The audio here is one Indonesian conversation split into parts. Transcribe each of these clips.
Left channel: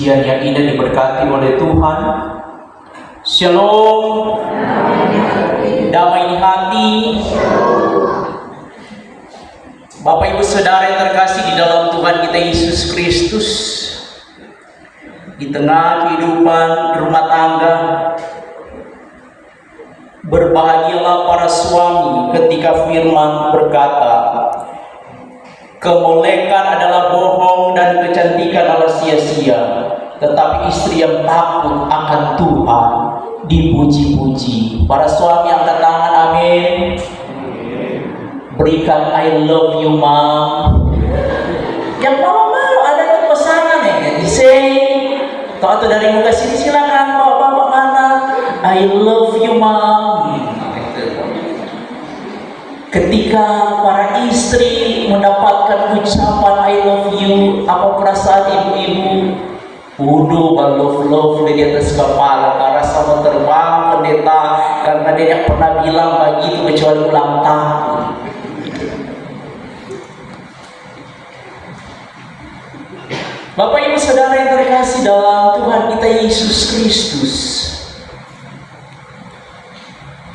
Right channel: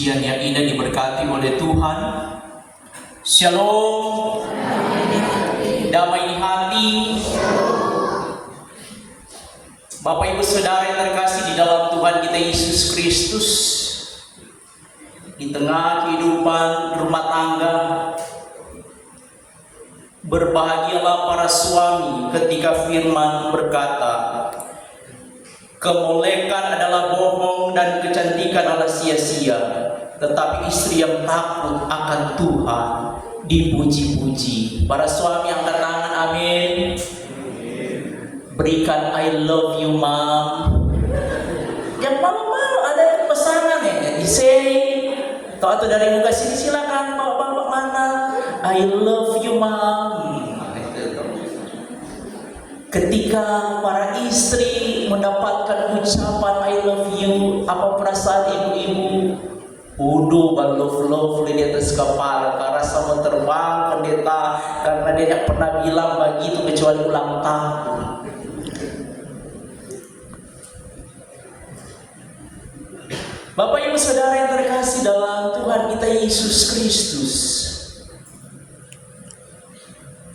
Siang yang indah diberkati oleh Tuhan. Shalom. Damai di hati. Bapak Ibu Saudara yang terkasih di dalam Tuhan kita Yesus Kristus, di tengah kehidupan rumah tangga, berbahagialah para suami ketika firman berkata, kemolekan adalah bohong dan kecantikan adalah sia-sia, tetapi istri yang takut akan Tuhan dipuji-puji. Para suami yang tenang, amin. Berikan I love you mom. Yang malu-malu ada itu pesanan ya, di-say. Kalau dari muka sini silakan bapak-bapak mana, I love you mom. Ketika para istri mendapatkan ucapan I love you, apa perasaan ibu-ibu? Udah love di atas kepala, karena sama terbang pendeta, karena dia tidak pernah bilang begitu kecuali ulang tahun. Bapak Ibu Saudara yang terkasih dalam Tuhan kita Yesus Kristus,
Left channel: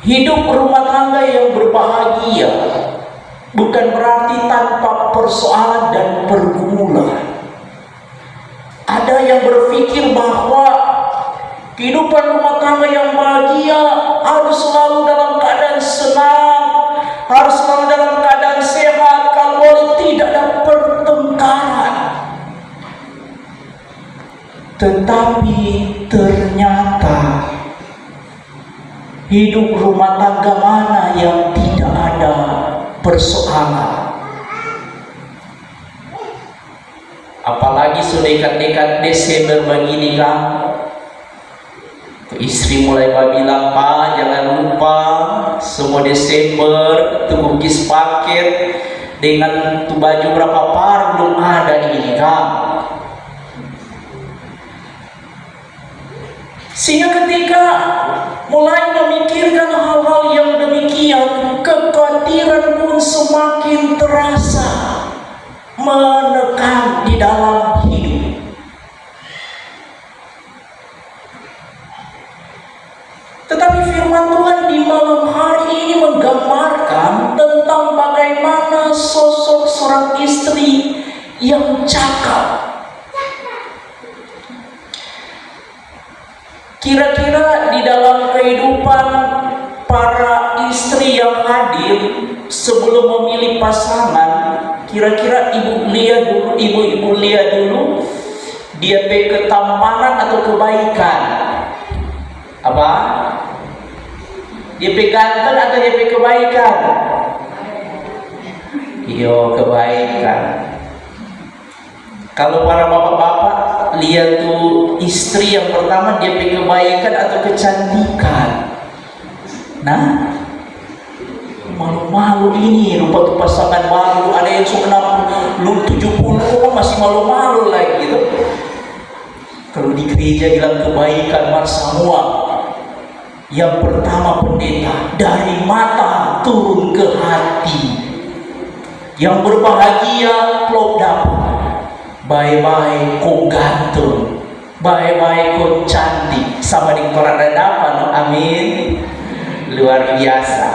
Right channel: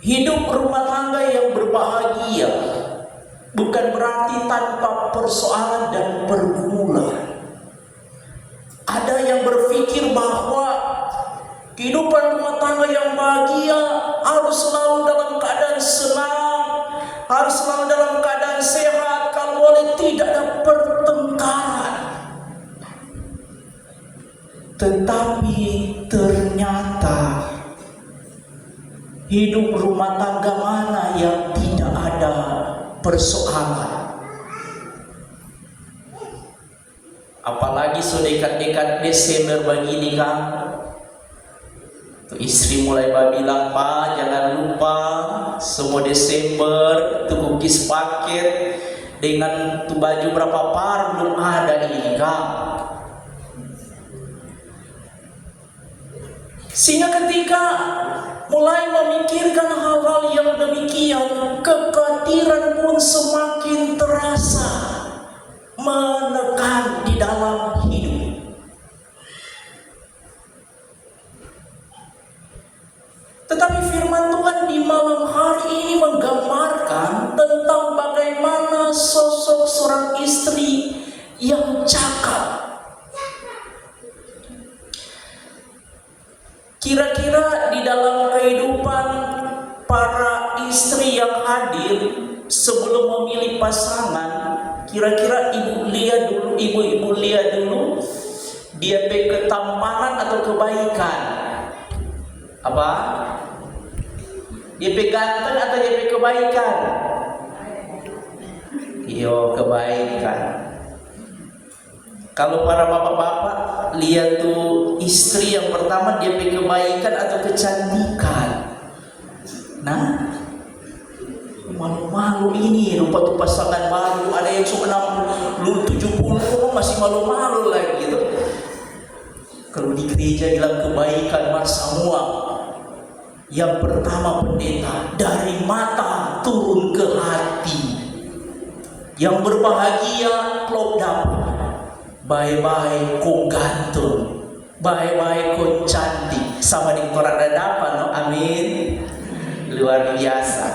hidup rumah tangga yang berbahagia bukan berarti tanpa persoalan dan pergumulan. Ada yang berpikir bahwa kehidupan rumah tangga yang bahagia harus selalu dalam keadaan senang, harus selalu dalam keadaan sehat, kalau boleh tidak ada pertengkaran. Tetapi ternyata hidup rumah tangga mana yang tidak ada persoalan? Apalagi sudah dekat-dekat Desember begini kan, istri mulai bilang, Pak jangan lupa semua Desember itu kukis paket dengan tuh baju berapa par belum ada ini kan. Sehingga ketika mulai memikirkan hal-hal yang demikian, kekhawatiran pun semakin terasa menekan di dalam hidup. Tetapi firman Tuhan di malam hari ini menggambarkan tentang bagaimana sosok seorang istri yang cakap. Kira-kira di dalam kehidupan para istri yang hadir sebelum memilih pasangan, kira-kira ibu lihat dulu dia ketampanan atau kebaikan? Apa? Dia ganteng atau dia kebaikan? Iyo, kebaikan. Kalau para bapak-bapak lihat tuh istri yang pertama dia kebaikan atau kecantikan. Nah, malu-malu ini rupa tuh pasangan baru, ada yang sudah 60, 70 masih malu-malu lagi gitu. Kalau di gereja bilang kebaikan mas semua. Yang pertama pendeta, dari mata turun ke hati. Yang berbahagia klop dapat. Bye-bye kok gantung, bye-bye kok cantik, sama di koran ada apa no? Amin. Luar biasa.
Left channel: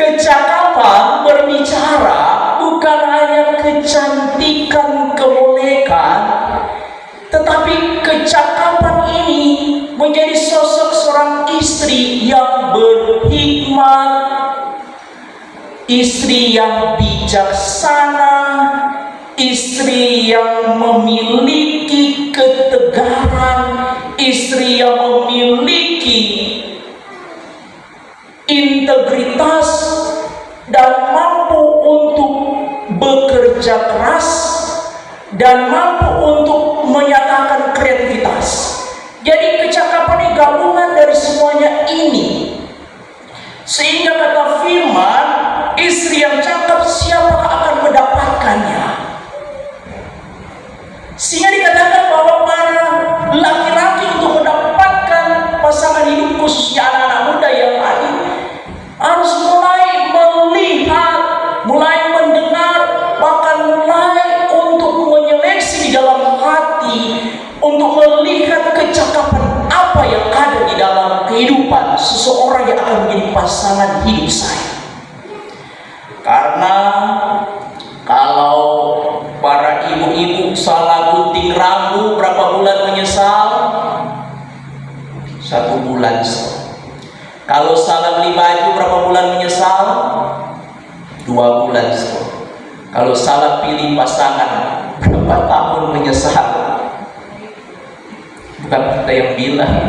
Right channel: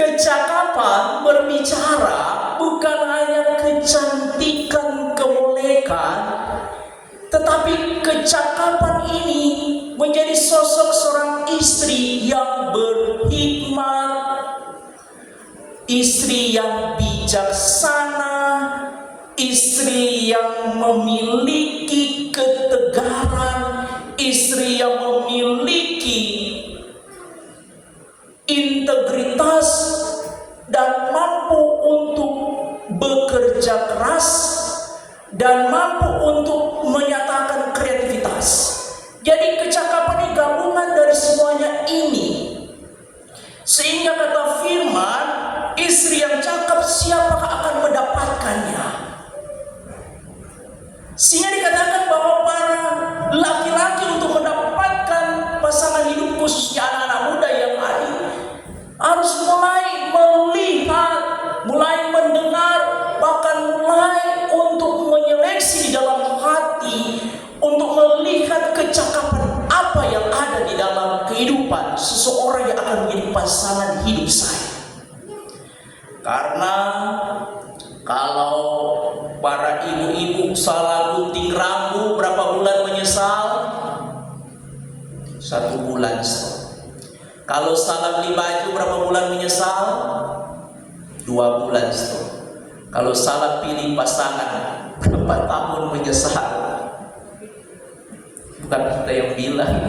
Kecakapan berbicara bukan hanya kecantikan, kemolekan, tetapi kecakapan ini menjadi sosok seorang istri yang berhikmat, istri yang bijaksana, istri yang memiliki ketegaran, istri yang memiliki integritas dan mampu untuk bekerja keras dan mampu untuk menyatakan kreativitas. Jadi kecakapan ini gabungan dari semuanya ini. Sehingga kata firman, istri yang cakap siapa akan mendapatkannya? Sehingga dikatakan bahwa para laki-laki untuk mendapatkan pasangan hidup, khususnya anak-anak muda yang lain, harus mulai melihat, mulai mendengar, bahkan mulai untuk menyeleksi di dalam hati seseorang yang akan menjadi pasangan hidup saya. Karena kalau para ibu-ibu salah gunting rambut berapa bulan menyesal? 1 bulan. Kalau salah beli baju berapa bulan menyesal? 2 bulan. Kalau salah pilih pasangan berapa tahun menyesal? Bukan kita yang bilang.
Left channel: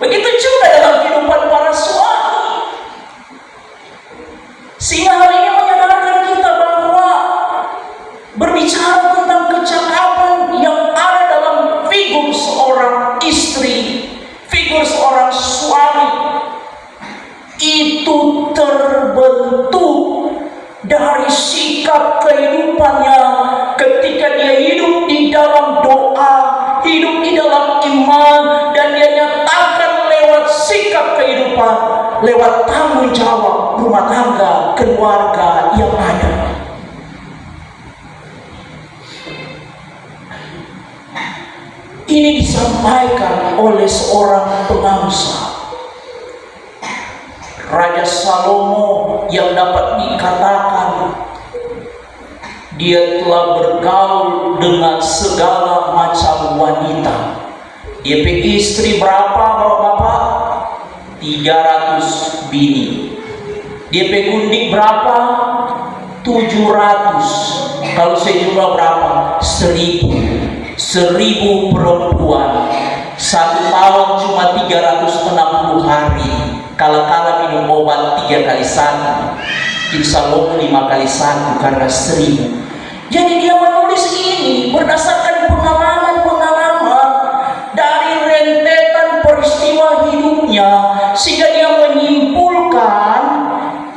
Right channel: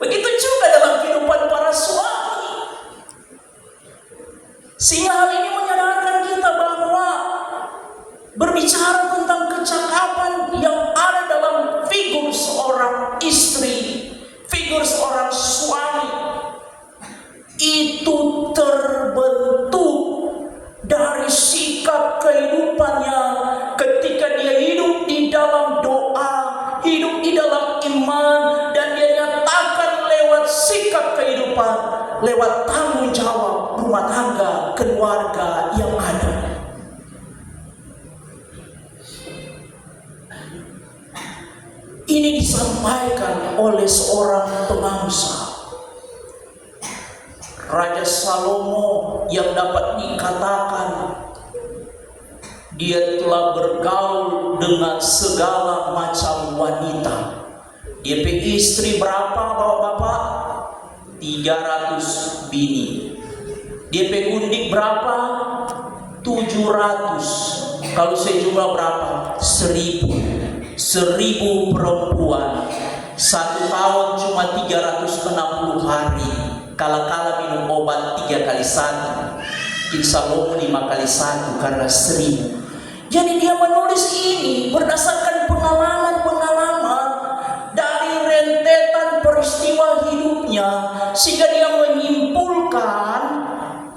Begitu juga dalam kehidupan para suami. Sehingga hal ini menyadarkan kita bahwa berbicara tentang kecakapan yang ada dalam figur seorang istri, figur seorang suami, itu terbentuk dari sikap kehidupannya ketika dia hidup di dalam doa, hidup di dalam iman, dan dia nyatakan lewat sikap kehidupan, lewat tanggung jawab rumah tangga, keluarga yang ada. Ini disampaikan oleh seorang pengangsa, Raja Salomo, yang dapat dikatakan dia telah bergaul dengan segala macam wanita. Dia punya istri berapa bapak-bapak? 300 bini. Dia punya gundik berapa? 700. Kalau saya jumlah berapa? 1000 perempuan. 1 tahun cuma 360 hari. Kala-kala minum obat 3 kali 1. Jadi Salomo 5 kali 1 karena 1000. Jadi dia menulis ini berdasarkan pengalaman-pengalaman dari rentetan peristiwa hidupnya, sehingga dia menyimpulkan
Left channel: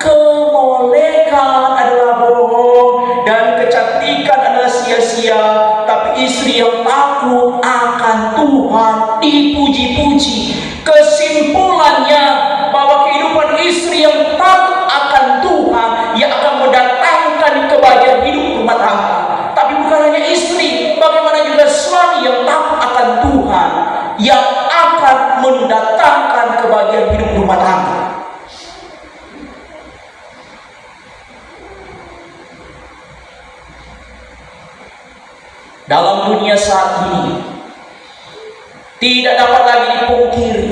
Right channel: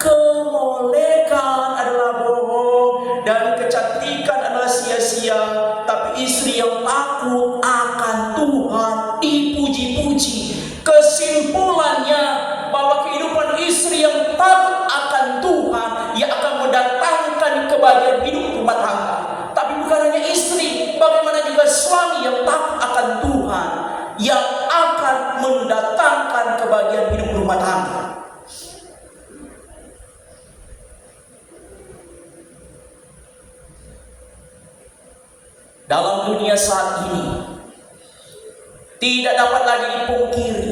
kemolekan adalah bohong dan kecantikan adalah sia-sia, tapi istri yang takut akan Tuhan dipuji-puji. Kesimpulannya bahwa kehidupan istri yang takut akan Tuhan yang akan mendatangkan kebahagiaan hidup rumah tangga. Tapi bukan hanya istri, bagaimana juga suami yang takut akan Tuhan yang akan mendatangkan kebahagiaan hidup rumah tangga. Dalam dunia saat ini tidak dapat lagi dipungkiri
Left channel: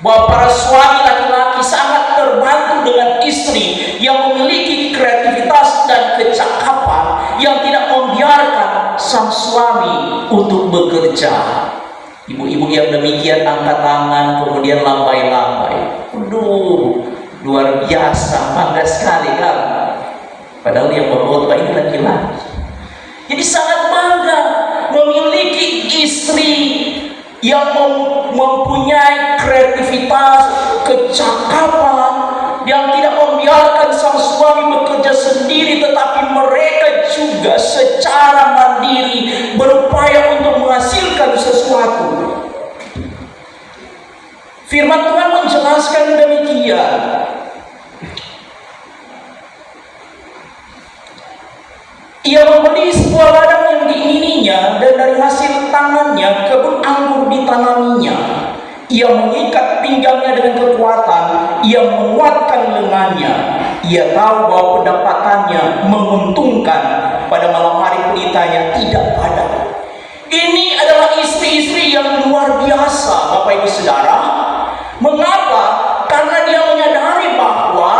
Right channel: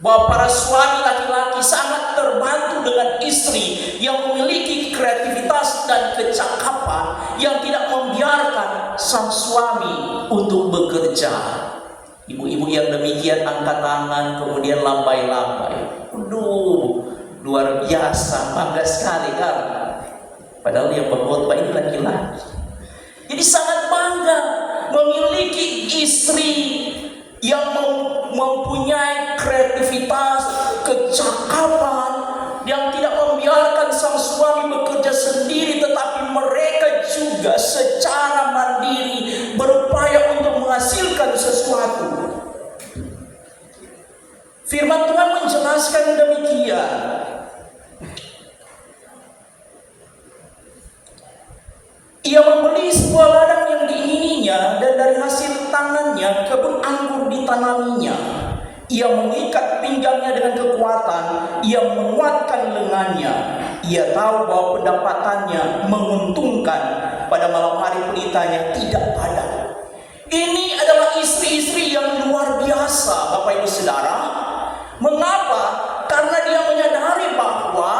bahwa para suami laki-laki sangat terbantu dengan istri yang memiliki kreativitas dan kecakapan yang tidak membiarkan sang suami untuk bekerja. Ibu-ibu yang demikian angkat tangan kemudian lambai-lambai. Aduh, luar biasa, bangga sekali kan. Padahal yang berkhotbah ini laki-laki. Jadi sangat bangga memiliki istri yang mempunyai kreativitas, kecakapan, yang tidak membiarkan sang suami bekerja sendiri, tetapi mereka juga secara mandiri berupaya untuk menghasilkan sesuatu. Firman Tuhan menjelaskan demikian. Ia membeli sebuah ladang yang diingininya, dan dari hasil tangannya kebun anggur ditanaminya. Ia mengikat pinggangnya dengan kekuatan, ia menguatkan lengannya. Ia tahu bahwa pendapatannya menguntungkan, pada malam hari pelitanya tidak padat. Ini adalah istri-istri yang luar biasa, Bapak Ibu Saudara. Mengapa? Karena dia menyadari bahwa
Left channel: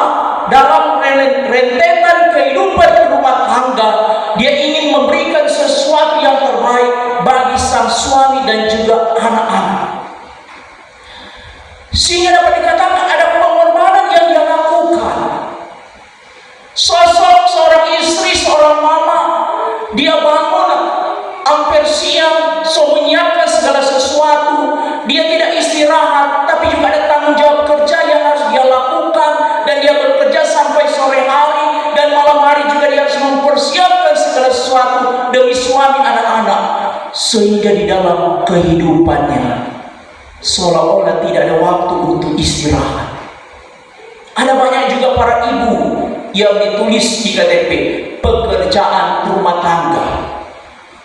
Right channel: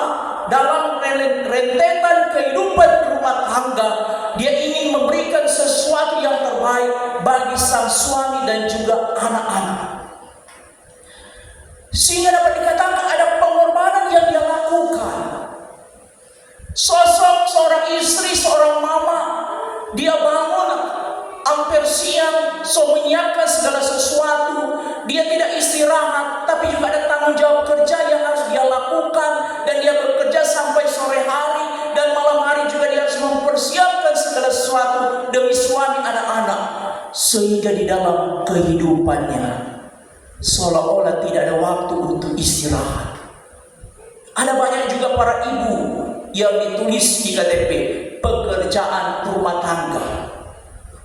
dalam rentetan kehidupan rumah tangga, dia ingin memberikan sesuatu yang terbaik bagi sang suami dan juga anak-anak. Sehingga dapat dikatakan ada pengorbanan yang dia lakukan. Sosok seorang istri, seorang mama, dia bangun hampir siang, menyiapkan segala sesuatu. Dia tidak istirahat, tapi juga ada tanggung jawab kerja yang harus dia lakukan, dan dia bekerja sampai sore hari, dan malam hari juga dia harus mempersiapkan segala sesuatu demi suami, anak-anak. Sehingga di dalam kehidupannya seolah-olah tidak ada waktu untuk istirahat. Ada banyak juga para ibu yang ditulis di KTP pekerjaan rumah tangga.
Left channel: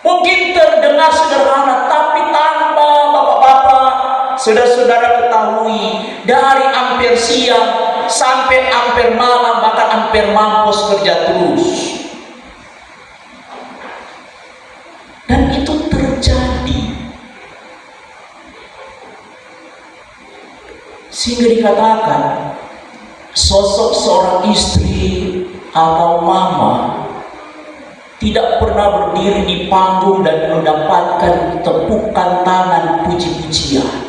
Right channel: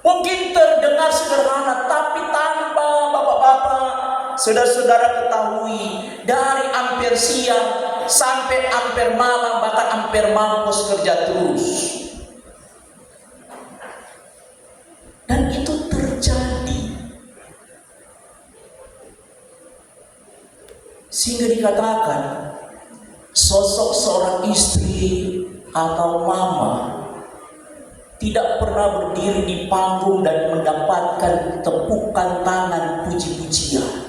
Mungkin terdengar sederhana, tapi tanpa bapak-bapak, saudara-saudara ketahui, dari hampir siang sampai hampir malam, bahkan hampir mampus kerja terus. Dan itu terjadi. Sehingga dikatakan sosok seorang istri atau mama tidak pernah berdiri di panggung dan mendapatkan tepukan tangan puji-pujian.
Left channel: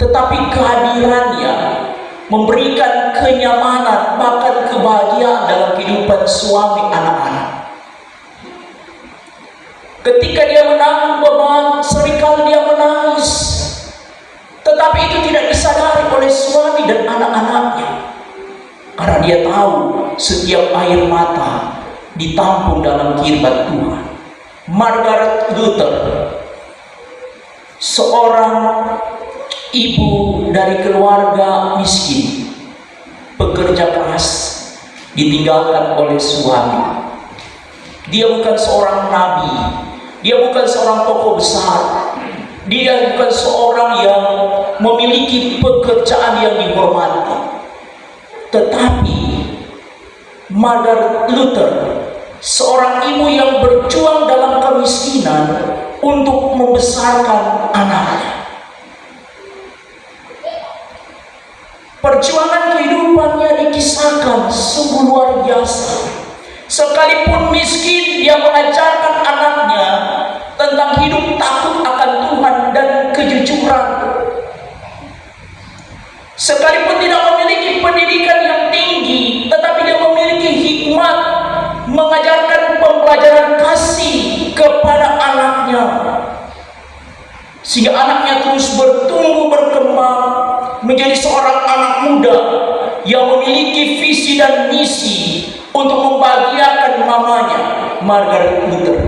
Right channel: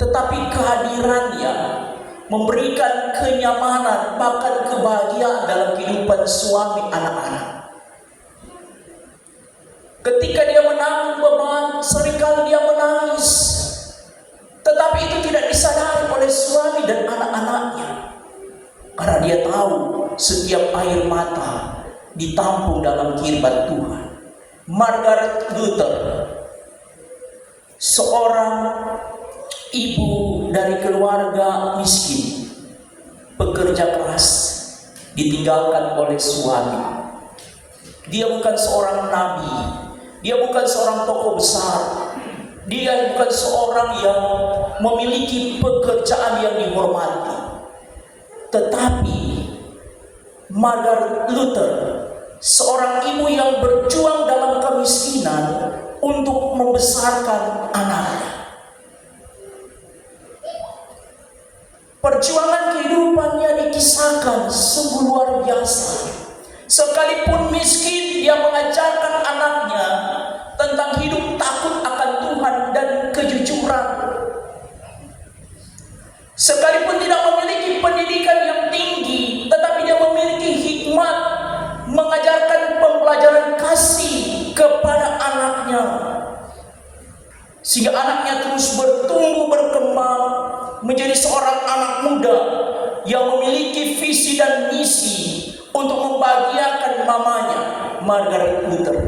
Tetapi kehadirannya memberikan kenyamanan, bahkan kebahagiaan dalam kehidupan suami anak-anak. Ketika dia menanggung beban, seringkali dia menangis. Tetapi itu tidak disadari oleh suami dan anak-anaknya. Karena dia tahu setiap air mata ditampung dalam kirbat Tuhan. Margaret Luther, seorang ibu dari keluarga miskin, pekerja keras, ditinggalkan oleh suami. Dia bukan seorang nabi, dia bukan seorang tokoh besar, dia bukan seorang yang memiliki pekerjaan yang dihormati. Tetapi Margaret Luther, seorang ibu yang berjuang dalam kemiskinan untuk membesarkan anaknya. Perjuangan kehidupannya dikisahkan sungguh luar biasa. Sekalipun miskin, dia mengajarkan anaknya tentang hidup takut akan Tuhan dan kejujuran. Sekalipun tidak memiliki pendidikan yang tinggi, tetapi dia memiliki hikmat mengajarkan pembelajaran kasih kepada anaknya, sehingga anaknya terus bertumbuh berkembang menjadi seorang anak muda yang memiliki visi dan misi untuk membahagiakan mamanya, Margaret Luther.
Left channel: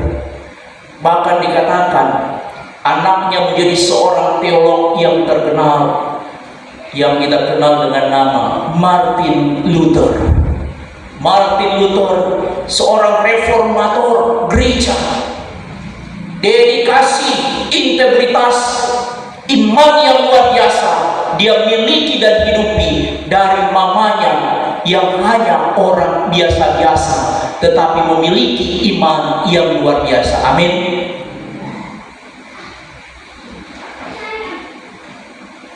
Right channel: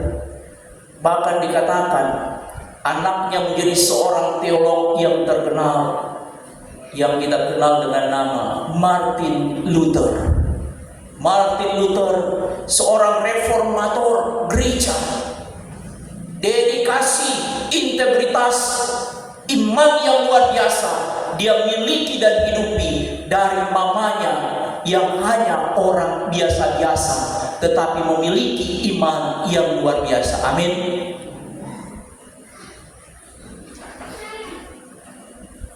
Bahkan dikatakan anaknya menjadi seorang teolog yang terkenal, yang kita kenal dengan nama Martin Luther. Martin Luther, seorang reformator gereja, dedikasi, integritas, iman yang luar biasa dia miliki dan hidupi dari mamanya yang hanya orang biasa-biasa, tetapi memiliki iman yang luar biasa. Amin.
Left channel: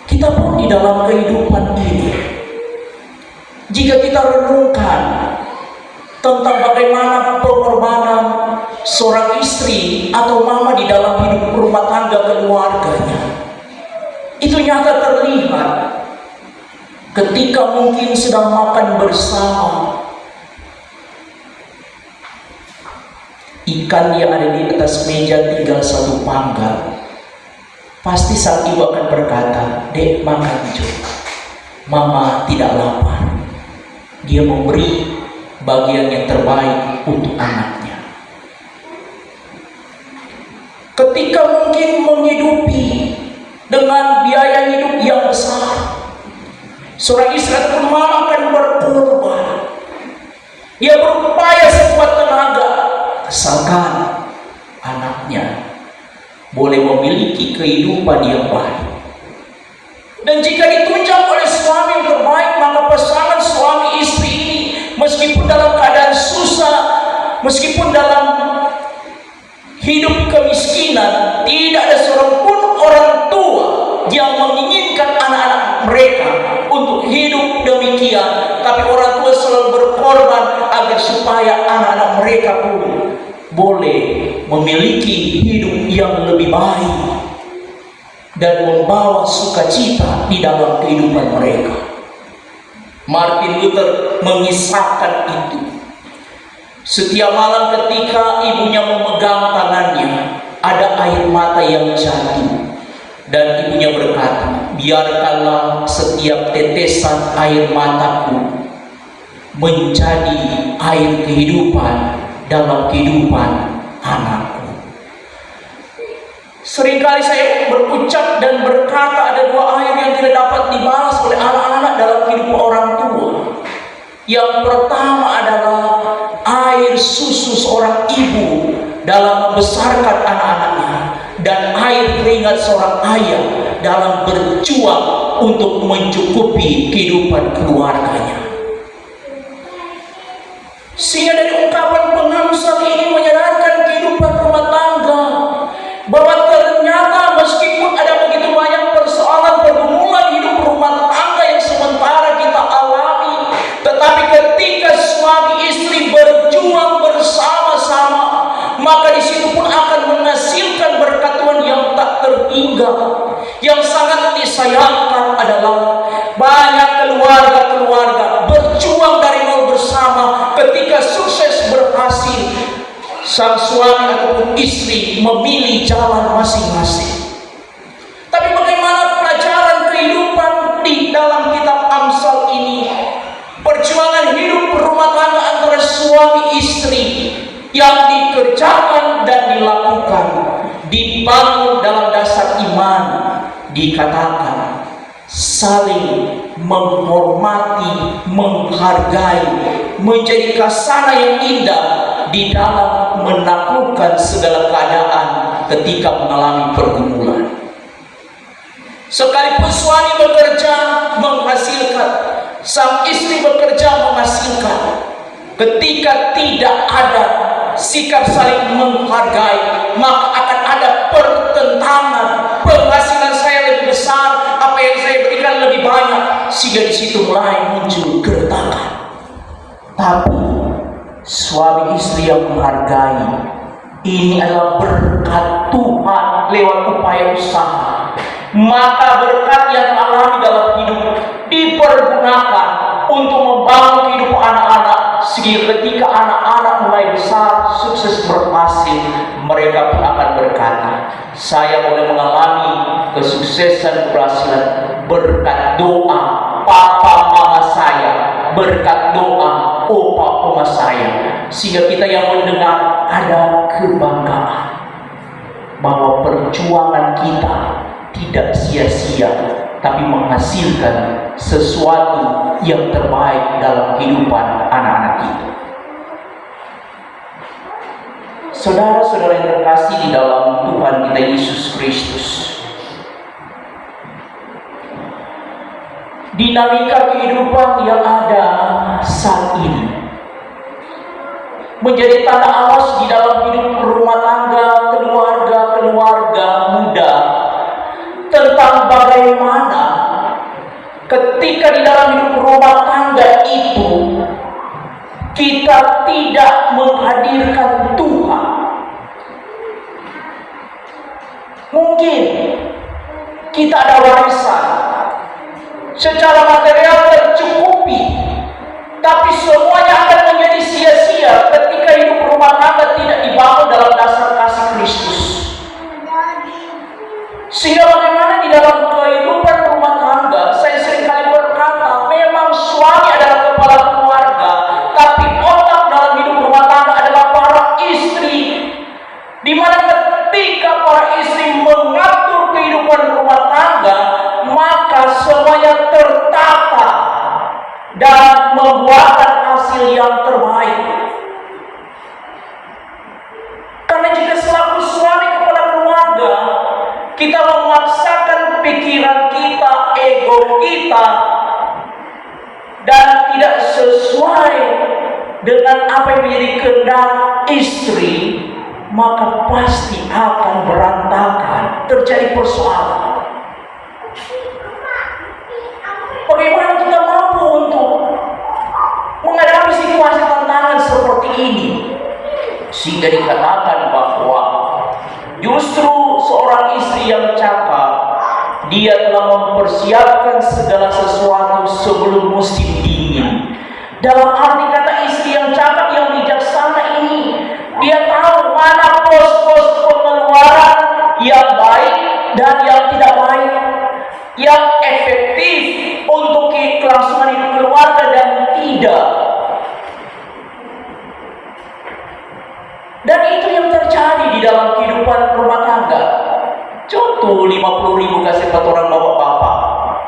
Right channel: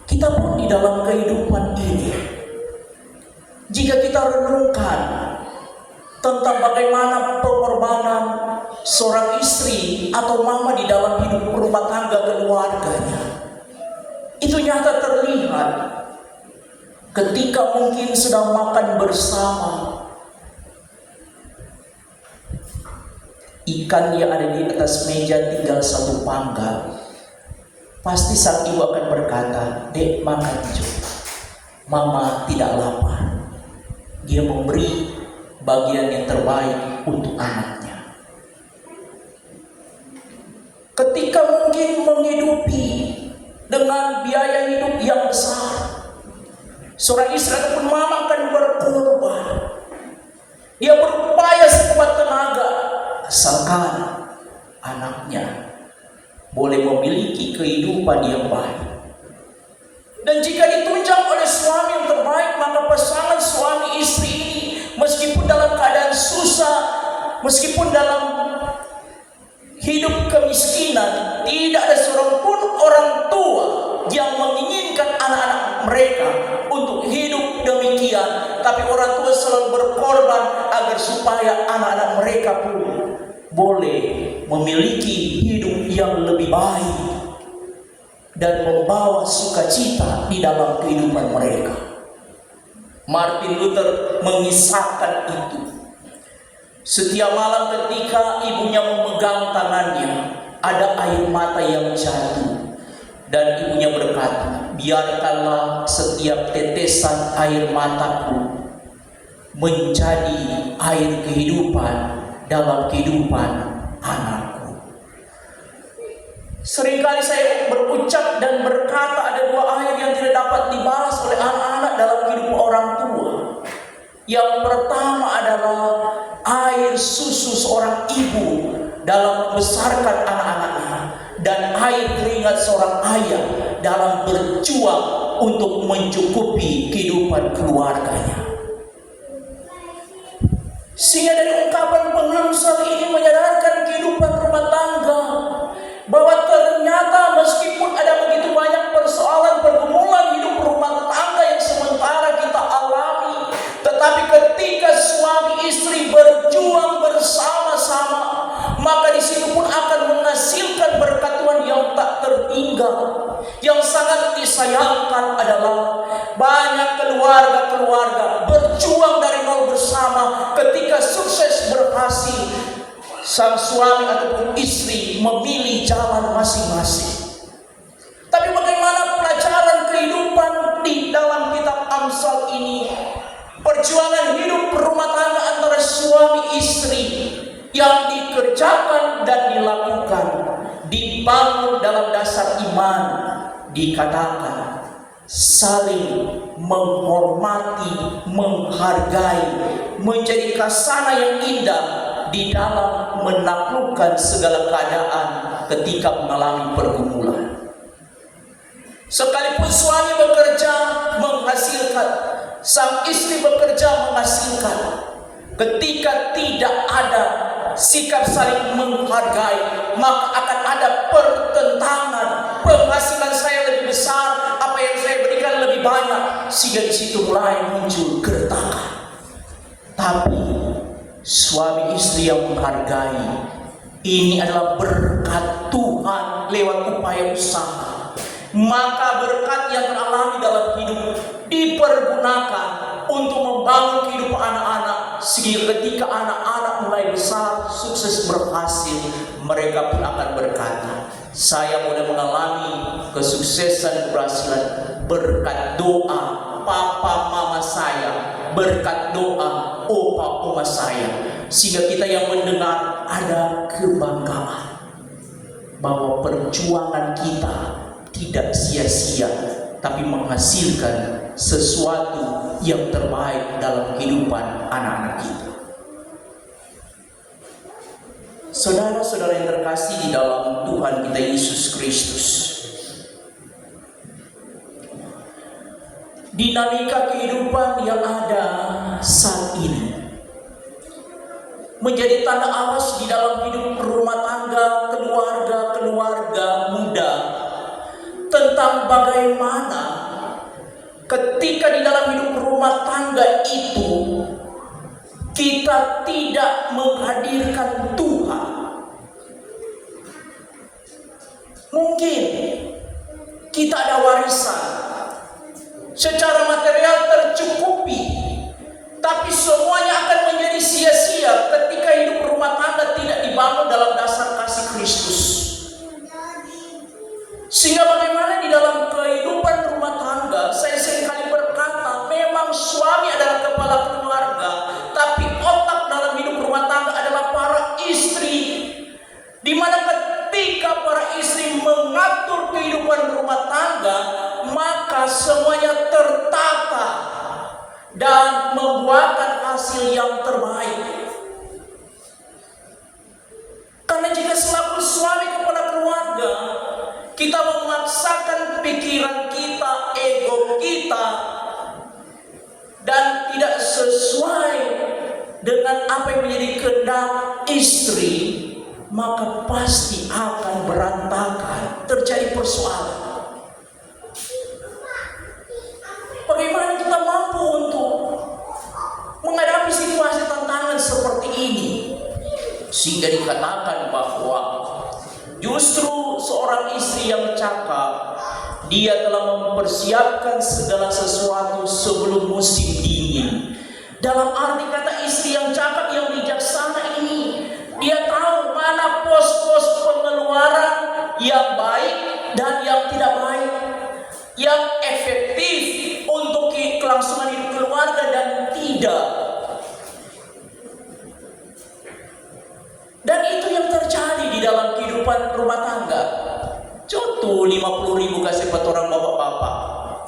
Kita pun di dalam kehidupan ini, jika kita renungkan tentang bagaimana pengorbanan seorang istri atau mama di dalam hidup rumah tangga keluarganya, itu nyata terlihat ketika mungkin sedang makan bersama, ikan yang ada di atas meja tinggal satu panggal. Pasti sang ibu akan berkata, "Dek, makan juga. Mama tidak lapar." Dia memberi bagian yang terbaik untuk anaknya. Ketika mungkin menghidupi dengan biaya hidup yang besar, seorang istri pun mama akan berkorban. Dia berupaya sekuat tenaga, asalkan anaknya boleh memiliki kehidupan yang baik. Dan jika ditunjang oleh suami yang terbaik, maka pasangan suami istri ini, meskipun dalam keadaan susah, meskipun dalam hidup kemiskinan, tidak ada seorang pun orang tua yang menginginkan anak-anak mereka untuk hidup demikian. Tapi orang tua selalu berkorban agar supaya anak-anak mereka pun boleh memiliki hidup yang lebih baik dan membawa sukacita di dalam kehidupan mereka. Martin Luther mengisahkan itu. Setiap malam ketika ibunya memegang tangannya, ada air mata yang jatuh, dan ibunya berkata, "Biarkanlah setiap tetesan air mataku menjadi air kehidupan dalam kehidupan anakku." Seringkali saya berucap dan berkata ada dua air yang tidak dapat dibalas oleh anak-anak dalam kehidupan orang tua. Yang pertama adalah air susu seorang ibu dalam membesarkan anak-anaknya, dan air keringat seorang ayah dalam berjuang untuk mencukupi kehidupan keluarganya. Sehingga dari ungkapan pengamsal ini menyadarkan kehidupan rumah tangga bahwa ternyata meskipun ada begitu banyak persoalan pergumulan hidup rumah tangga yang sementara kita alami, tetapi ketika suami istri berjuang bersama-sama, maka di situ pun akan menghasilkan berkat Tuhan yang tak terhingga. Yang sangat disayangkan adalah banyak keluarga-keluarga berjuang dari nol bersama, ketika sukses berhasil, sang suami ataupun istri memilih jalan masing-masing. Tapi bagaimana pelajaran kehidupan di dalam kitab Amsal ini? Perjuangan hidup berumah tangga antara suami istri yang dikerjakan dan dilakukan dibangun dalam dasar iman. Dikatakan saling menghormati, menghargai, menjadi khasana yang indah di dalam menaklukkan segala keadaan ketika mengalami pergumulan. Sekalipun suami bekerja menghasilkan, sang istri bekerja menghasilkan, ketika tidak ada sikap saling menghargai, maka akan ada pertentangan. Penghasilan saya lebih besar, apa yang saya berikan lebih banyak, sehingga di situ mulai muncul keretakan. Tapi suami istri yang menghargai, ini adalah berkat Tuhan lewat upaya usaha. Maka berkat yang alami dalam hidup dipergunakan untuk membangun kehidupan anak-anak, sehingga ketika anak-anak mulai besar, sukses berhasil, mereka pun akan berkata, saya boleh mengalami kesuksesan keberhasilan berkat doa papa mama saya, berkat doa opa oma saya. Sehingga kita yang mendengar ada kebanggaan bahwa perjuangan kita tidak sia-sia, tapi menghasilkan sesuatu yang terbaik dalam kehidupan anak-anak kita. Saudara-saudara yang terkasih di dalam Tuhan kita Yesus Kristus, dinamika kehidupan yang ada saat ini menjadi tanda awas di dalam hidup rumah tangga, keluarga muda, tentang bagaimana ketika di dalam hidup rumah tangga itu kita tidak menghadirkan Tuhan. Mungkin kita ada warisan, secara material tercukupi, tapi semuanya akan menjadi sia-sia ketika hidup rumah tangga tidak dibangun dalam dasar kasih Kristus. Sehingga bagaimana di dalam kehidupan rumah tangga, saya seringkali berkata, memang suami adalah kepala keluarga, tapi otak dalam hidup rumah tangga adalah para istri. Di mana ketika para istri mengatur kehidupan rumah tangga, maka semuanya tertata dan membuahkan hasil yang terbaik. Karena jika selaku suami kepala keluarga, kita memaksakan pikiran kita, ego kita, dan tidak sesuai dengan apa yang menjadi kehendak istri, maka pasti akan berantakan, terjadi persoalan. Bagaimana kita mampu untuk menghadapi situasi tantangan seperti ini? Sehingga dikatakan bahwa justru seorang istri yang cakap, dia telah mempersiapkan segala sesuatu sebelum musim dingin. Dalam arti kata istri yang cakap, yang bijaksana ini, dia tahu mana pos-pos pengeluaran yang baik dan yang tidak baik, yang efektif untuk kelangsungan hidup keluarga dan tidak. Dan itu yang terjadi di dalam kehidupan rumah tangga. Contoh 50.000 kasih buat orang bapak-bapak.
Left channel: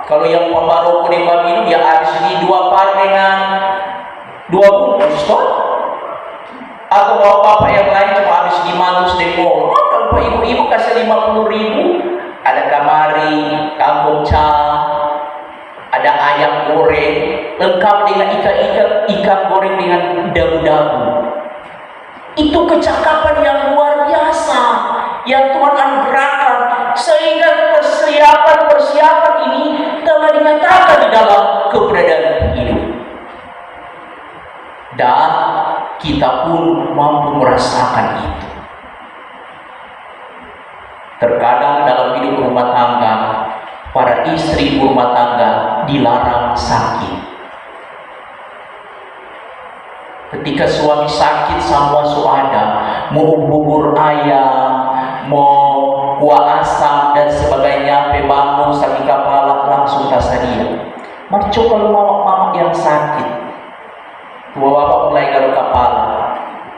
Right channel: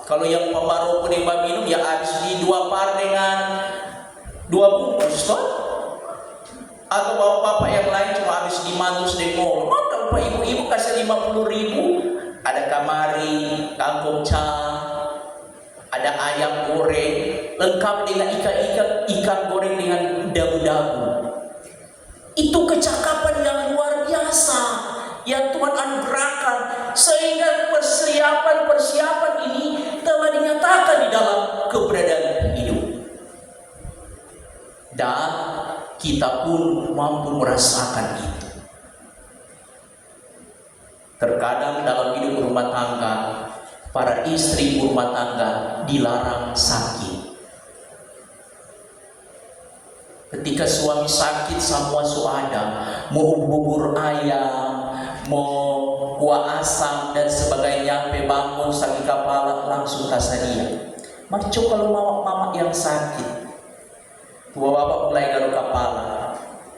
Kalau yang pembaru penerima minum ya habis ini 2 par dengan 2 bungkus toh. Atau bapak-bapak yang lain cuma habis di manus demo. Maka ibu-ibu kasih 50.000, ada kamari, kangkung ca, ada ayam goreng, lengkap dengan ikan goreng dengan daun-daun. Itu kecakapan yang luar biasa yang Tuhan anugerahkan, sehingga persiapan ini telah dinyatakan di dalam keberadaan hidup. Dan kita pun mampu merasakan itu. Terkadang dalam hidup rumah tangga, para istri rumah tangga dilarang sakit. Ketika suami sakit sama ada, mau bubur ayam, mau kuah asam dan sebagainya, bangun sakit kepala langsung tasadia. Mari coba mama yang sakit, tua bapak mulai garuk kepala,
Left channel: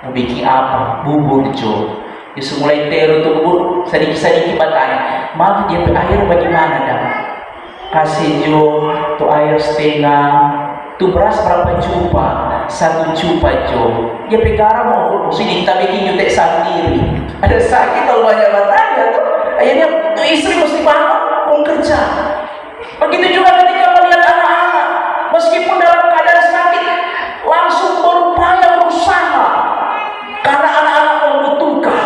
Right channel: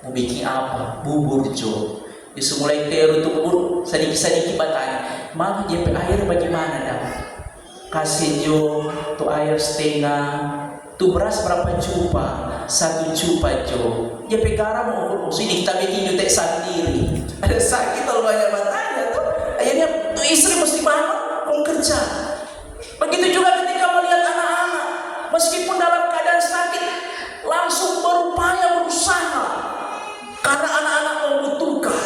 mau bikin apa? Bubur jo. Yesus mulai teru tuh bubur, sedikit bertanya, mama dia air bagaimana dah? Kasih jo, tuh air setengah, tuh beras berapa cupa? 1 cupa jo. Dia garam mau sini kita bikin jutek sendiri. Ada sakit kalau banyak bertanya tuh, akhirnya tuh istri mesti bangun kerja. Begitu juga ketika melihat anak-anak, meskipun dalam keadaan sakit, langsung berupaya berusaha karena anak-anak membutuhkan.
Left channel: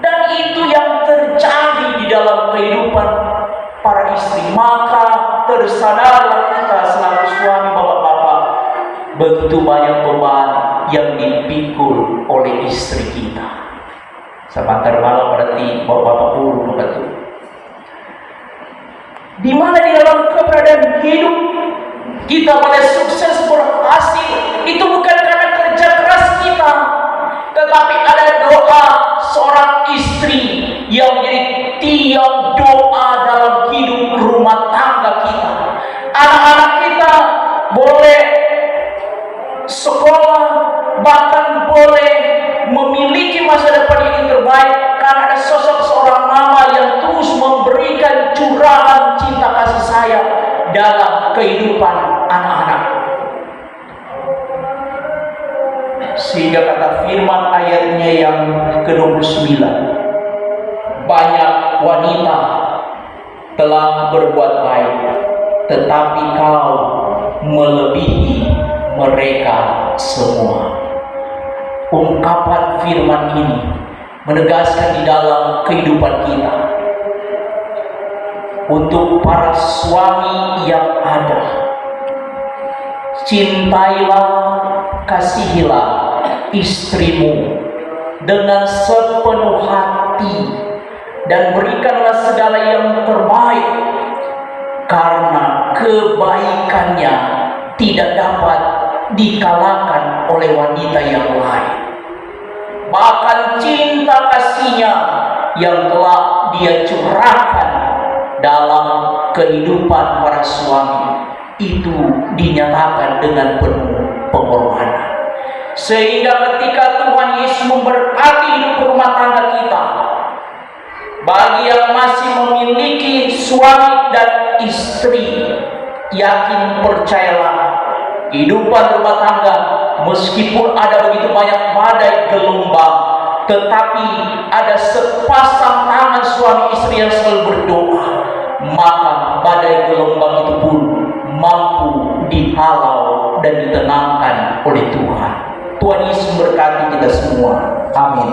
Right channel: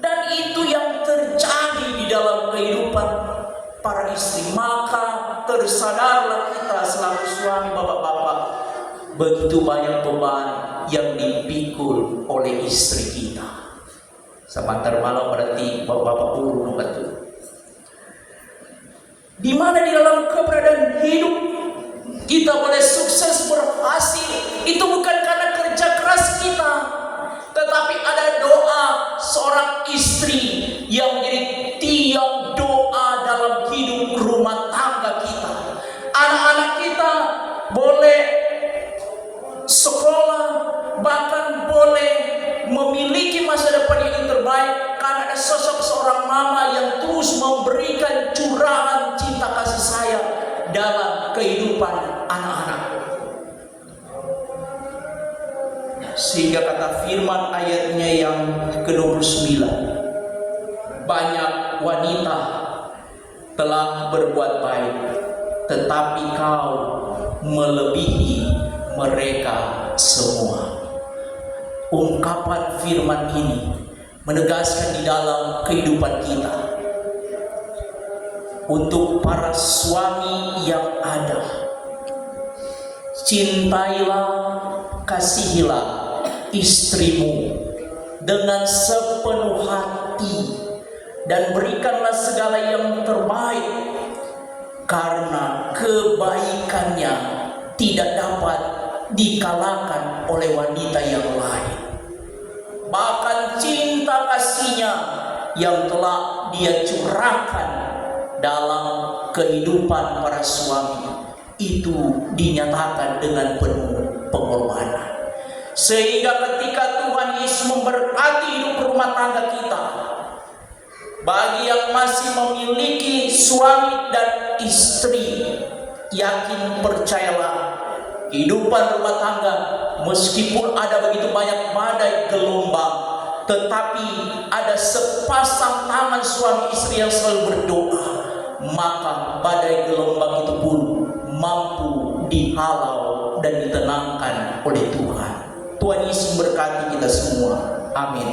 Dan itu yang terjadi di dalam kehidupan para istri. Maka tersadarlah kita selaku suami, bapak-bapak, begitu banyak beban yang dipikul oleh istri kita. Sebentar malam berarti bapak-bapak burung betul. Di mana di dalam keberadaan hidup kita boleh sukses berhasil, itu bukan karena kerja keras kita, tetapi ada doa seorang istri yang menjadi tiang doa dalam hidup rumah tangga kita. Anak-anak kita boleh sekolah, bahkan boleh memiliki masa depan yang terbaik karena ada sosok seorang mama yang terus memberikan curahan cinta kasih sayang dalam kehidupan anak-anak. Sehingga kata firman ayatnya yang ke-29, banyak wanita telah berbuat baik, tetapi kau melebihi mereka semua. Ungkapan firman ini menegaskan di dalam kehidupan kita, untuk para suami yang ada, cintailah, kasihilah istrimu dengan sepenuh hati dan berikanlah segala yang terbaik, karena kebaikannya tidak dapat dikalahkan oleh wanita yang lain. Bahkan cinta kasihnya yang telah dia curahkan dalam kehidupan para suami itu dinyatakan dengan penuh pengorbanan. Sehingga ketika Tuhan Yesus memberkati hidup rumah tangga kita, bagi yang masih memiliki suami dan istri, yakin percayalah, kehidupan rumah tangga meskipun ada begitu banyak badai gelombang, tetapi ada sepasang tangan suami istri yang selalu berdoa, maka badai gelombang itu pun mampu dihalau dan ditenangkan oleh Tuhan. Tuhan Yesus memberkati kita semua. Amin.